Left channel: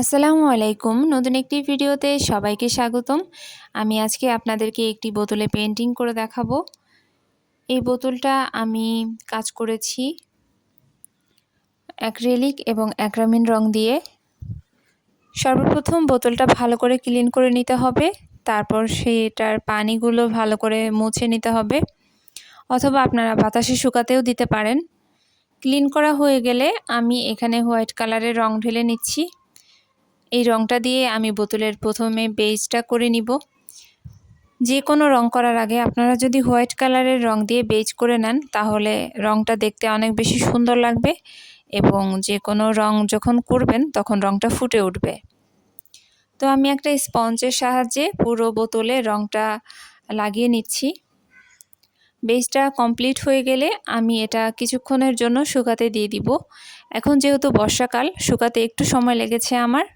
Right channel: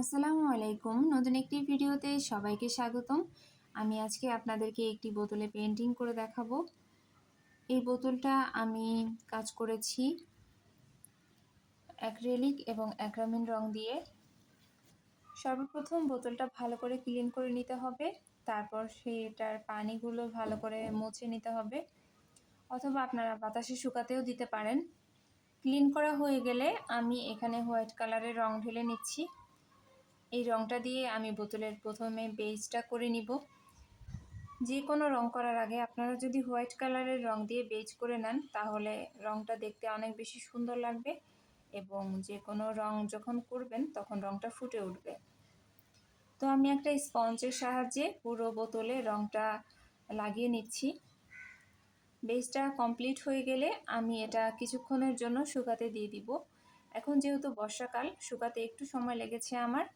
আসসালামু আলাইকুম। নতুন একটি ভিডিওতে সবাইকে স্বাগতম। আমি আজকে আপনাদেরকে একটি বোতলে পেইন্টিং করে দেখাবো। এই বোতলটা আমি কাজ করেছি অ্যাক্রিলিক এবং অ্যাক্রামিন রং দিয়ে। সর্বপ্রথম বোতলটা ভালো করে ক্লিন করে নিতে হবে, তারপর সেটার পানিগুলো ভালো করে মুছে নিতে হবে, অথবা আপনারা বাতাসে শুকাতেও দিতে পারেন। ক্লিন করা হয়ে গেলে আমি এখানে হোয়াইট কালারের রং ঢেলে নিচ্ছি। এই রংটা দিয়ে আমি বোতলের প্রথমে বেজটা করে নিব। যে কোনো রং করার আগে আপনারা যদি হোয়াইট কালারের রং দিয়ে বেজ করে নেন তাহলে রংটা দেখতে অনেক বেশি সুন্দর লাগবে এবং যে কোনো রং যখন করবেন তখন রংটা ফুটে উঠবে। তো আমি একটা স্পঞ্জের সাহায্যে পুরো বোতলে রংটা লাগিয়ে নিচ্ছি। বেজটা কমপ্লিট হয়ে গেলে আমি এটা কিছুক্ষণের জন্য শুকাতে দিয়ে দিব। এখন যেহেতু বর্ষাকাল, শুকাতে একটু সময় লেগেছে আমার।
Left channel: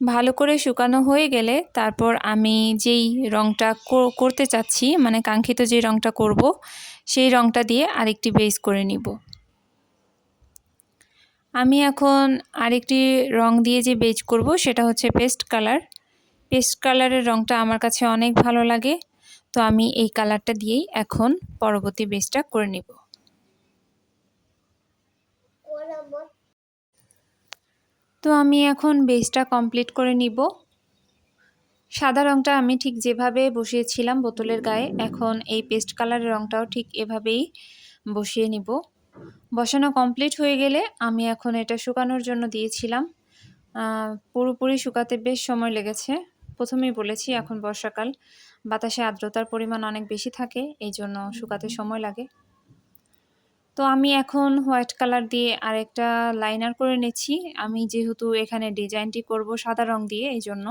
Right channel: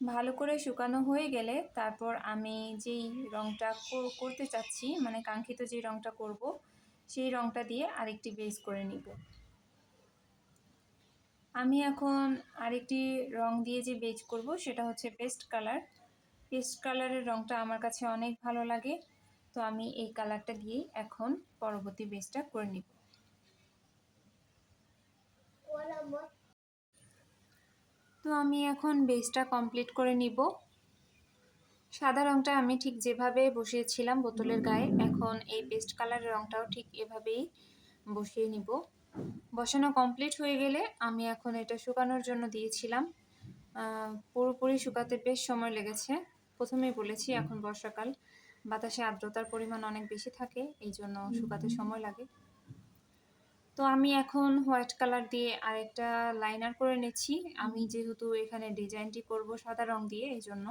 ভালো করে শুকানো হয়ে গেলে তারপর আমি যেই রংটা করতে চাচ্ছি, মানে কাঙ্ক্ষিত যে রংটা করব, সেই রংটা দিয়ে আরেকটি বেজ করে নিব। আমি এখন আরেকটি রং দিয়ে যে বেজ করব সেটা হচ্ছে পেস্ট কালার। পেস্ট কালারের রংটা আমার কাছে অনেক ভালো লাগে, তো আমি এই কালারটা দিয়েই এখন পরবর্তী বেজটা করে নিব। তো আমি এখন বেজটা কমপ্লিট করে নিব। সাদা রংটা আমি ঠিক যেভাবে বসিয়েছিলাম বোতলের গায়ে, এখন এই পেস্ট কালারের রংটাও ঠিক এভাবেই বসিয়ে নিব। বসানো কমপ্লিট হয়ে গেলে আমি এখন এটা শুকানোর জন্য দিয়েছিলাম। পুরোপুরি শুকাতে বেশ সময় লেগেছে। প্রথমেই বলেছি এখন বর্ষাকাল, বাতাসে আর্দ্রতার পরিমাণ অনেক বেশি থাকে, এই জন্য শুকাতে সময় লাগে। তো আমি এখন হোয়াইট কালার দিয়ে আরেকটা লাইনার করে নিচ্ছি। আমি যেহেতু এখানে ডিজাইনটি করব সাদা রং দিয়ে, এই জন্য।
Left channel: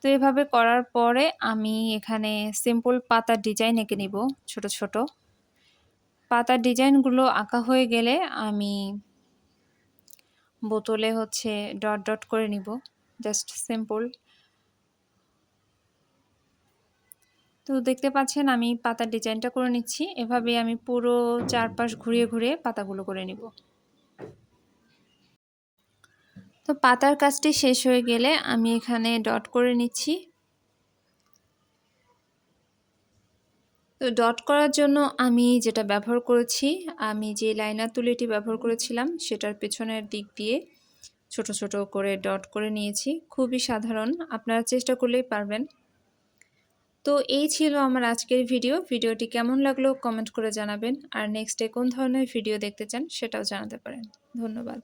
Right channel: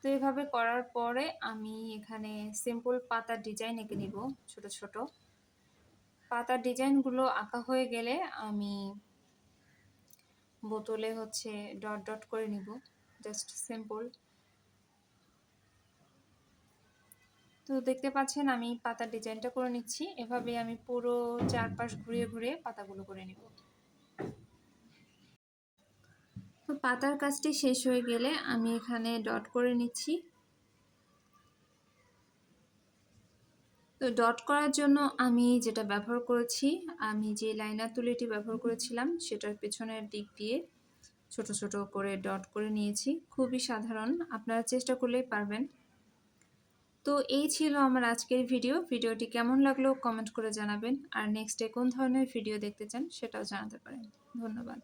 তো এভাবে করার পরে আমি এখানে সিম্পল পাতার ডিজাইন এঁকে নিব। ছোট ছোট পাতার ডিজাইনগুলো আঁকা হয়ে গেলে আমি বোতলে হচ্ছে ডট ডট করে নিব, জাস্ট সিম্পল। তো দেখতে পাচ্ছেন আমি পাতার ডিজাইনটা করে নিচ্ছি। এভাবে আমি পুরো চারপাশ ঘুরিয়ে ঘুরিয়ে পাতাগুলো করে নিব। তো পাতার কাজটি শেষ হয়ে গেলে আমি এখানে ডট করে নিচ্ছি। তো ডট করার জন্য আমি যেটা ব্যবহার করেছি, আমি যে লাইনার তুলিটি ব্যবহার করেছিলাম সেটার পেছনের দিক দিয়ে ছোট ছোট করে ডট করে নিয়েছি। খুবই সাধারণ, আপনারা চেষ্টা করলেই পারবেন। তো এই ছিল আমার আজকের ভিডিওটি কেমন লাগলো কমেন্ট করে জানাবেন, আর নেক্সটে কোন ধরনের ভিডিও দেখতে চান সেটাও জানাতে পারেন। ধন্যবাদ।